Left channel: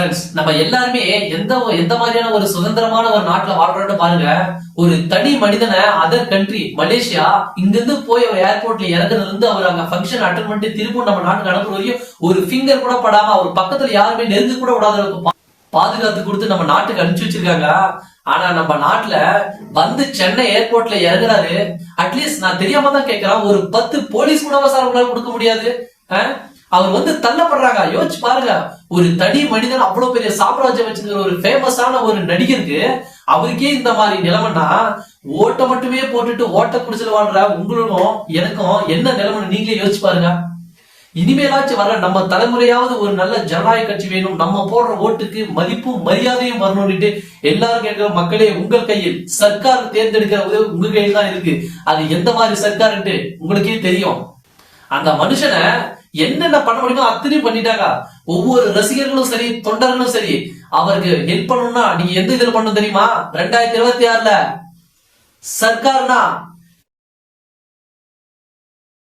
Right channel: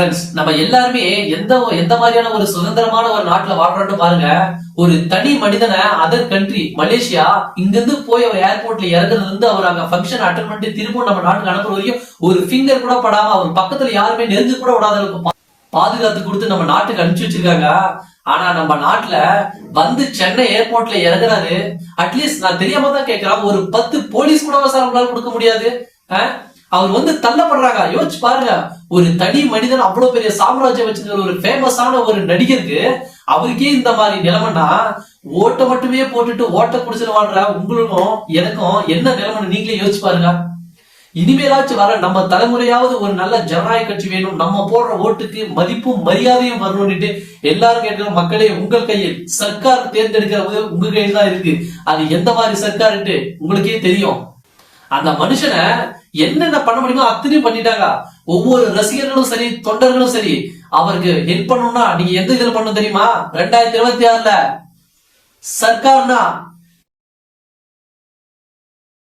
Friends, நம்ம எல்லாருமே எந்த மாதிரியான ஒரு சுதந்திரமான ஒரு நாட்டுல வாழ்றோம்னு பாருங்க. ஒரு தனி மனிதனை அதர் கண்ட்ரி மலேசியா இங்கிருந்து போய் அவர் ஏர்போர்ட்ல இறங்குறதுல இருந்து அவர் அங்க ஃபங்க்ஷன் அட்டன் பண்ணிட்டு திரும்ப நம்ம நாட்டுக்கு அனுப்புற வரையும் ஒரு ஃபிங்கர் கூட படாம அவர் பக்கத்துல யாருமே நெருங்க கூட விடாத அளவுக்கு பாதுகாத்து கொடுத்து நம்ம நாட்டுக்கு அனுப்பிச்சு வச்சிருக்காங்க. ஆனா நம்ம நாட்டுல வந்து சென்னை ஏர்போர்ட்ல இறங்குறாரு. அட்லீஸ்ட் நான் தெரியாம தான் கேட்கிறேன், ஒரு 10 போலீஸ் கூட சார் உங்களால கொடுக்க முடியாது. அவர் வந்து தள்ளப்படுறாங்க. யோசிச்சு பாருங்க, ஒரு தனி மனிதன் அவ்வளவு பெரிய சாம்ராஜ்யம் வச்சிருக்கிற ஒரு ஃபேமஸான ஒரு நடிகருக்கு அவருக்கே இந்த மாதிரி நிலைமைன்னா, ஓட்ட மட்டுமே போட்டுட்டு ஓட்ட குடிச்சிட்டு வாழ்ற உங்களுக்கும் எனக்கும் என்ன நிலைமைன்னு நீங்களே யோசிச்சு பாருங்க. இனிமேலாச்சும் வர நம்ம தலைமுறையாவது ஒரு நல்ல ஜனநாயக கட்சி வேணும், நம்ம போடுற ஓட்டுக்கு மதிப்பும் மரியாதையும் வரணும்னுட்டு எல்லாரும் கேட்கிற மக்களே, உங்கள் கையில் சர்க்கார் தேர்ந்தெடுக்கிற உதவி உங்க கையில் தான் இருக்கு. அது எந்த மாதிரி சர்க்கார்ட்டு உங்களுக்கே தெரியும். அந்த மனுஷனை என்னென்ன பண்ண முடியுமோ அத்தனையும் பண்ணிட்டாங்க. ஒவ்வொரு ரசிகர்களும் சரி, தொண்டர்களும் சரி, அவருக்கு ஹெல்ப் பண்ணணும்னா நீங்க எந்த இதுல பண்ணணும் தெரியுமா? 2026ல சர்க்கார்னா